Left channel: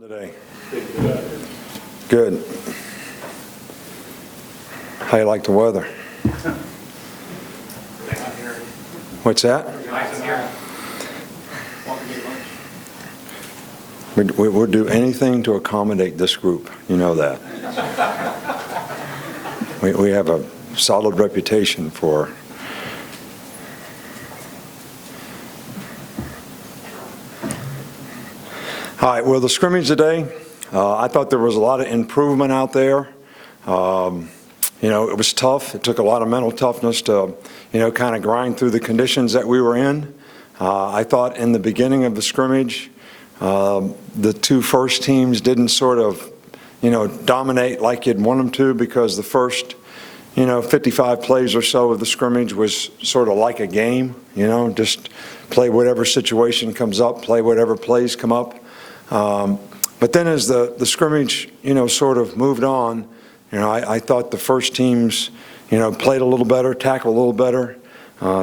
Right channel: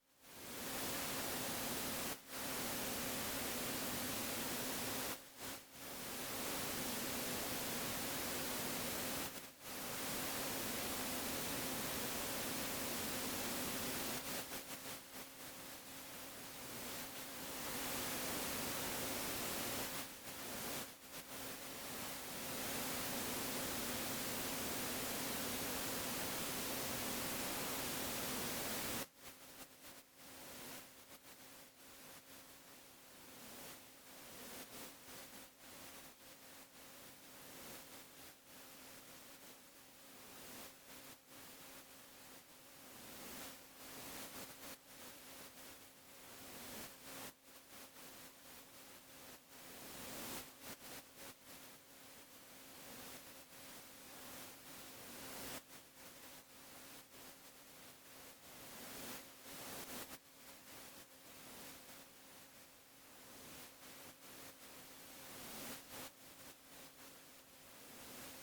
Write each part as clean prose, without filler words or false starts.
Today. Good. How you like the weather? What's that? We'll do anything to accommodate this group. You know that. We have a solid reputation for all right, well, the scrimmage today, I thought there was a lot of improvement out there. You know, it was tough. It took a lot of mental toughness to, kind of grind through the conditions that we were in. I thought in the beginning of the scrimmage, the two first teams didn't sort of, dominate like you'd want them to, because the first, 55 plays or so of the scrimmage was sort of like a game, just play whatever situation comes up, play whatever plays come up. But then as the scrimmage, sort of moved on, I thought the first teams, played a little better, tackled a little better.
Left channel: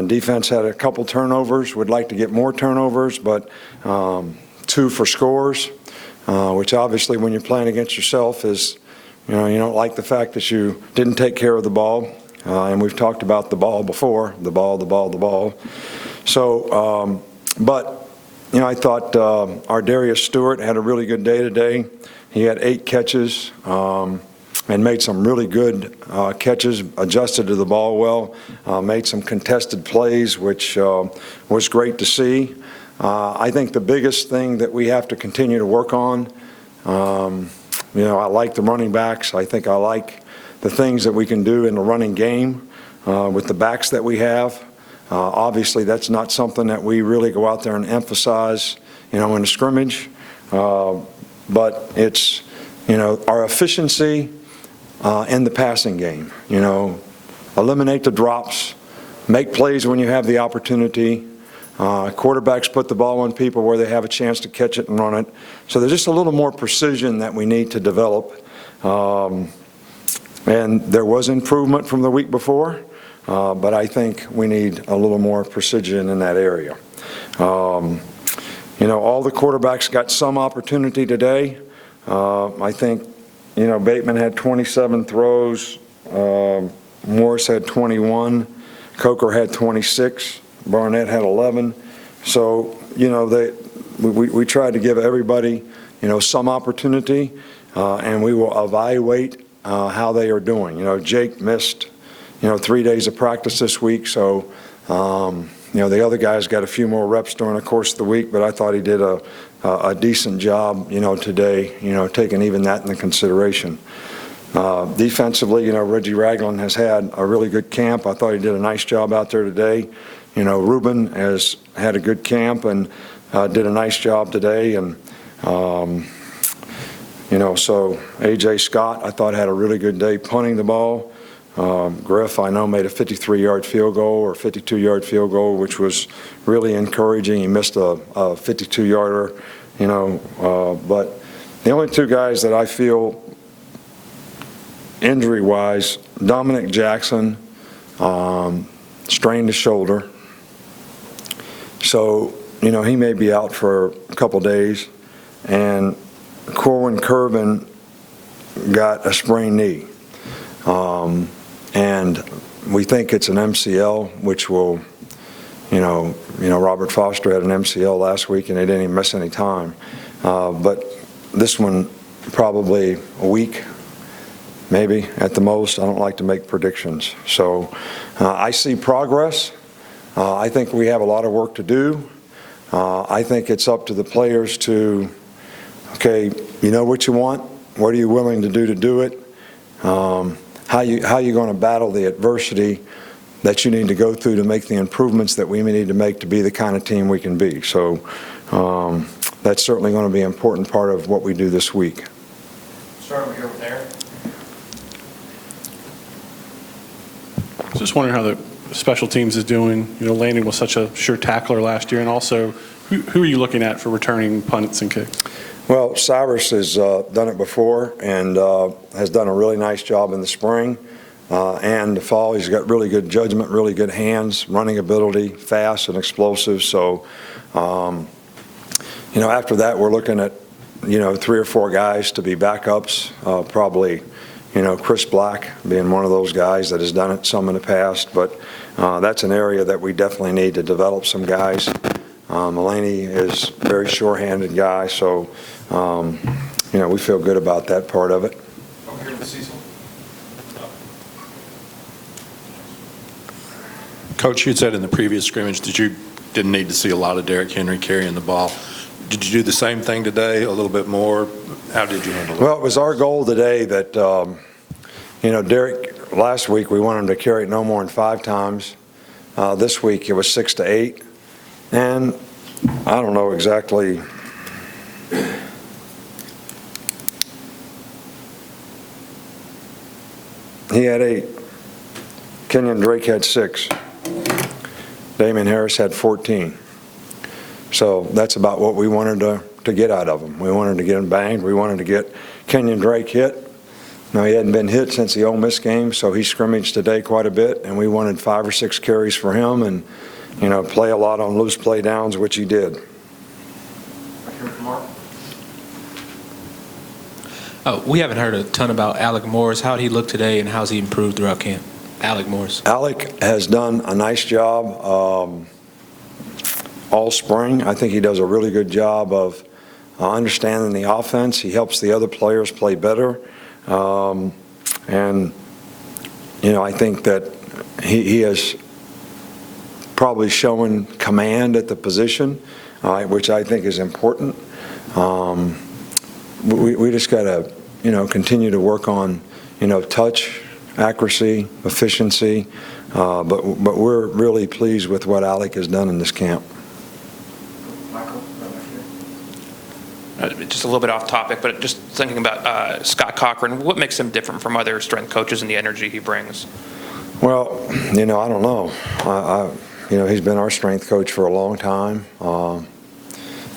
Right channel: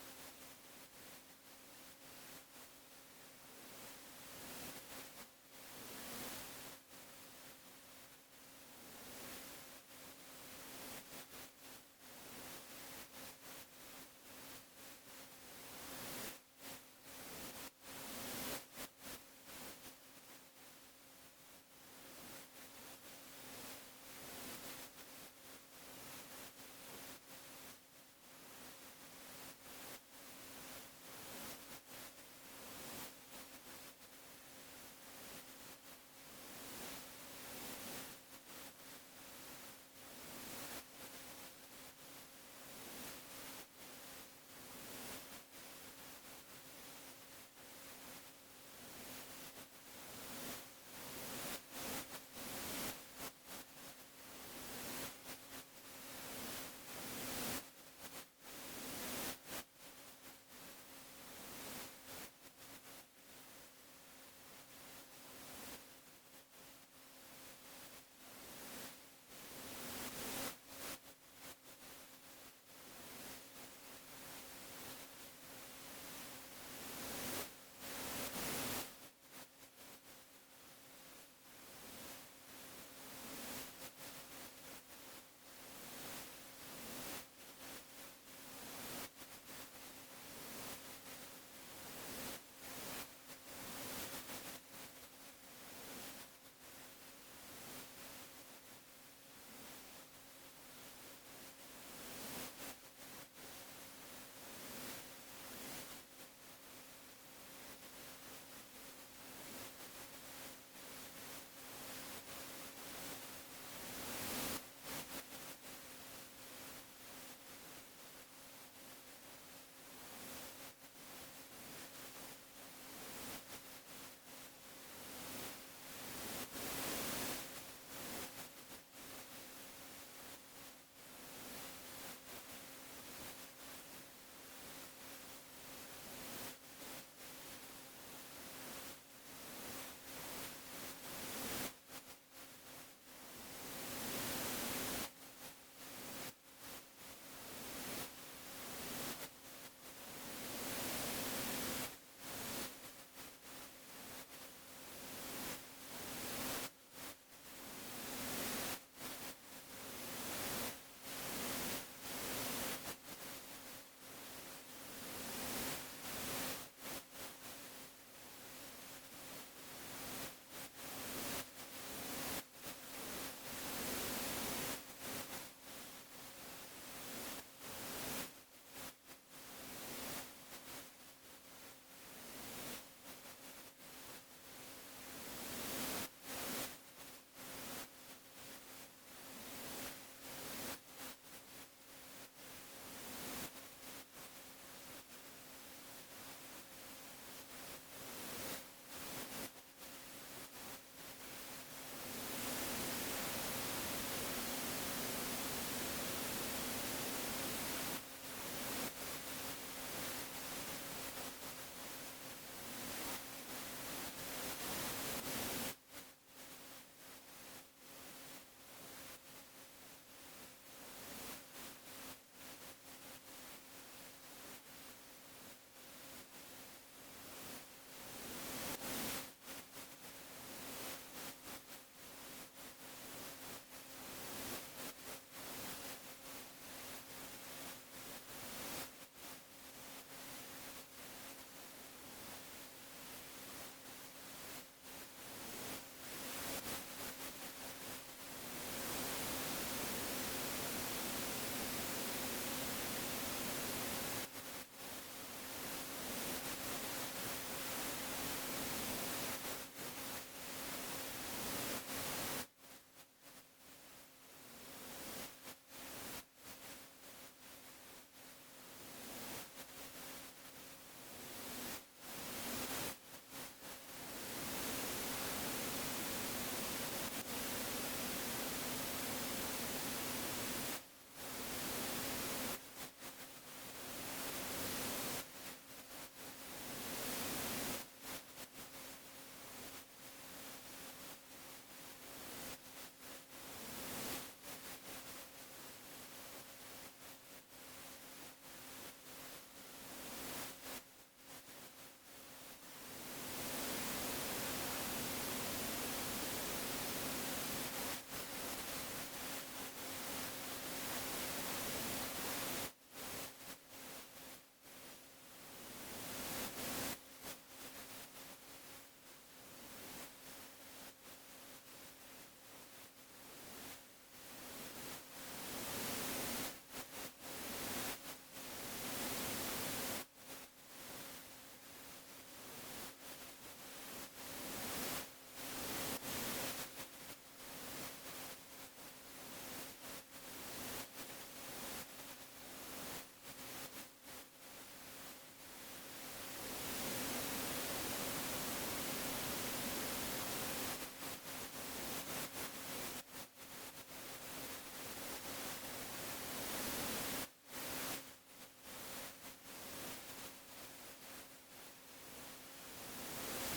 Defense had a couple turnovers, would like to get more turnovers, but 2 for scores, which obviously when you're playing against yourself is, you don't like the fact that you didn't take care of the ball. And we've talked about the ball before, the ball. So, but I thought our Darius Stewart had a really good day today. He had 8 catches and made some really good catches, adjusted to the ball well, made some contested plays, which was great to see. I think the biggest thing that we have to continue to work on, I like the running backs. I think I like the things that we can do in the running game with the backs that we have. Obviously, that's not something that we really go out there and emphasize, in the scrimmage. But it's, our efficiency in the passing game. Eliminate the drops, make plays when you have the opportunity. Quarterbacks put the ball on people where they have a chance to catch it and run it. So there's just a little more precision that we need to develop. And there was improvement from the week before. But I think we need a little more precision in that area. All the quarterbacks got some opportunity today. I think, Bateman had 27 throws. Morris had 21. Coker had 26. Barnett had 11. So, we tried to give everybody, some opportunity, and we will evaluate how they are doing. Jake missed 3 days of practice this week, so the other guys got a few more reps during the course of the week, but I thought he did a decent job, today, taking even that into consideration. Defensively, Reggie Ragland has had a really good camp. I thought he did a nice job out there today. Ruben has had a good camp and did a nice job today, and so A.J. Scott, I thought, had a really good day punting the ball. Griff, I know, made a 53-yard field goal or 52-yard field goal, which was really encouraging. He missed a 52-yarder, but the only 2 guys that I feel injury-wise, Dominic Jackson strained his shoulder. So, he may be out for a couple days. And Corwin Curvin got a sprained knee. And we think it's an MCL, which will, Robert Foster had an MCL last week and they didn't even miss any time. But this one, probably a week, maybe at the most. I don't like to make predictions. So I see progress. I think we have a lot of work to do. I think it's up to the players to, okay, you know what you want. What are you willing to do it? How you going to battle the adversity that you need to go through to make the improvements that we may need to make to be the kind of team we can be. So that's certainly going to be an important part of what we do this week. Start over here with Eric. Just wondering how the special teams is doing. Landon was such a sure tackler last year, and also who are you looking at for returning punts and kicks? Well, Cyrus has done it before and has done a really nice job in the spring and the fall. He's got really good judgment, really good hands, running ability, fast and explosive. So, after that, we're looking at 3 or 4 guys to be backups, probably, Chris Black being one of those guys that has done it some in the past, but that's an area that we definitely need to develop some guys. Mulaney is a very sure-handed guy, so, we feel good about that part of it. Over here with Cecil. Coach, you said in the previous scrimmage that you didn't need to see a lot of Derrick Henry carrying the ball. Did you do the same thing today, a little bit more? How did you handle it? Well, it was our goal today that, Derrick, last week we wanted him to carry it no more than 5 times. This week it was 6 to 8. And I don't know exactly. He had 8. Kenyon Drake had 6. Damian Harris had 14. So that's about what we wanted to get out of him. We wanted to get him banged. We wanted to get Kenyon Drake hit. Now, he hadn't been hit since the Ole Miss game, so he scrimmaged today quite a bit, and we wanted 5 or 6 carries for him and, play a lot on loose play downs, which he did. Right here with Mark. We haven't heard a ton about Alec Morris. How did he look today, and how's he improved throughout camp? Alec Morris. Alec has done a nice job all spring. I think he does a really good job of understanding the offense. He helps the other players play better. And, I think that he has probably shown command at the position, which I think is important. We just got to, continue to work on, touch, accuracy, efficiency. But we're really pleased with what Alec has done in this camp. Michael, right back here. Just a little bit off topic, but just thinking about Scott Cochran, what makes him different from other strength coaches and the energy he brings? Well, I don't know. He's been our strength coach for a long time,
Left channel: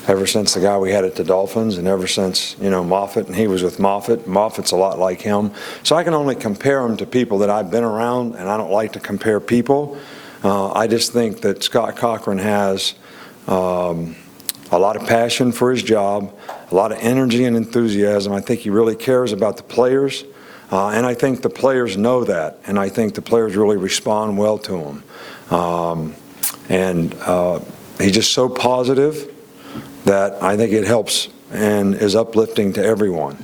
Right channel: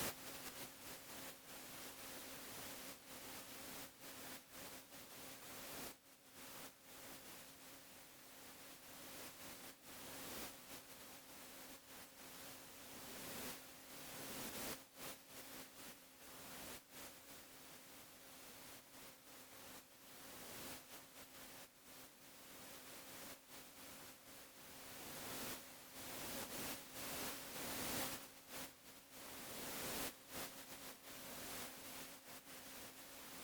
ever since the guy we had at the Dolphins, and ever since, Moffitt, and he was with Moffitt. Moffitt's a lot like him. So I can only compare him to people that I've been around, and I don't like to compare people. I just think that Scott Cochran has a lot of passion for his job, a lot of energy and enthusiasm. I think he really cares about the players, and I think the players know that, and I think the players really respond well to him. He's just so positive that I think it helps and is uplifting to everyone.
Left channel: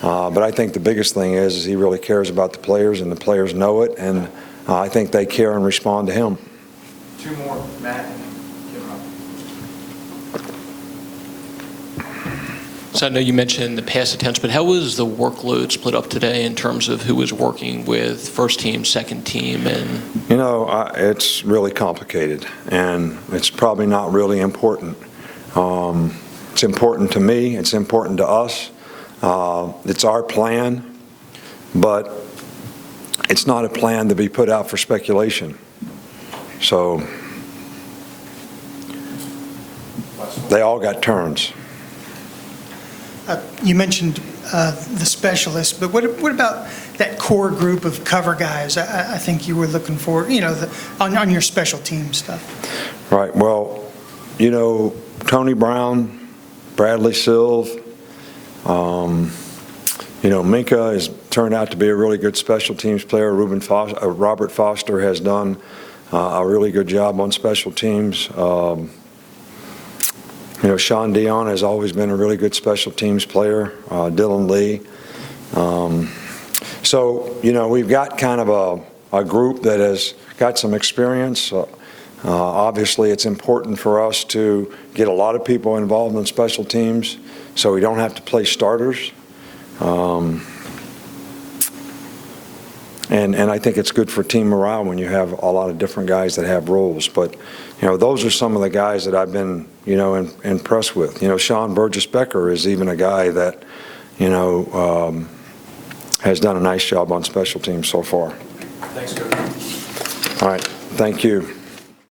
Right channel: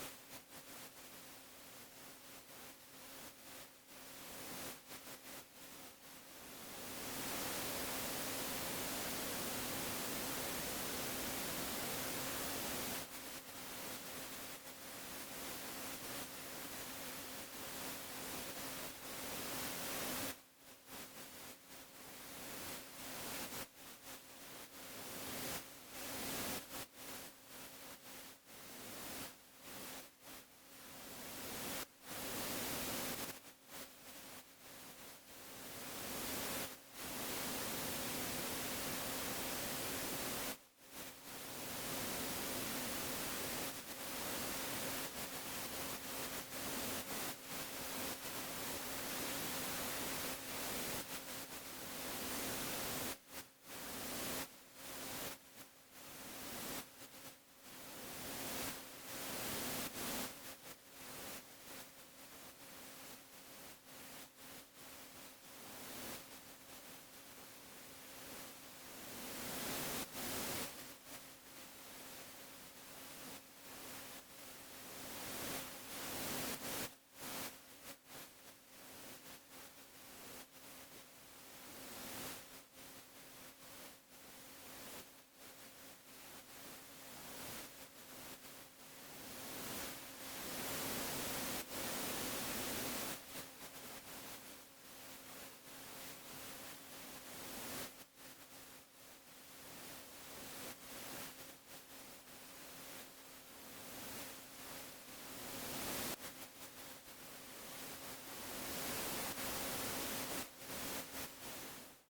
But I think the biggest thing is he really cares about the players, and the players know it, and I think they care and respond to him. 2 more, Matt. So I know you mentioned the pass attempts, but how was the workload split up today in terms of who was working with first team, second team, and? It's really complicated, and it's probably not really important. It's important to me. It's important to us. It's our plan, but it's not a plan to be put out for speculation. So they all got turns. You mentioned the specialists, but what about that core group of cover guys? I think you were looking for, on your special team stuff. Right. Well, Tony Brown, Bradley Silv, Minka has turned out to be a really good special teams player. Robert Foster has done a really good job on special teams. Sean Dion has always been a really good special teams player, Dylan Lee. So, we've got kind of a group that has got some experience. Obviously, it's important for us to get a lot of people involved in special teams so we don't have to play starters. And I think it's good for team morale when you have a lot of different guys that have roles. But, those are some of the guys that I've been, impressed with. Sean Burgess-Becker is even a guy that, has done a nice job on special teams so far. Thanks, Coach. All right. Thank you.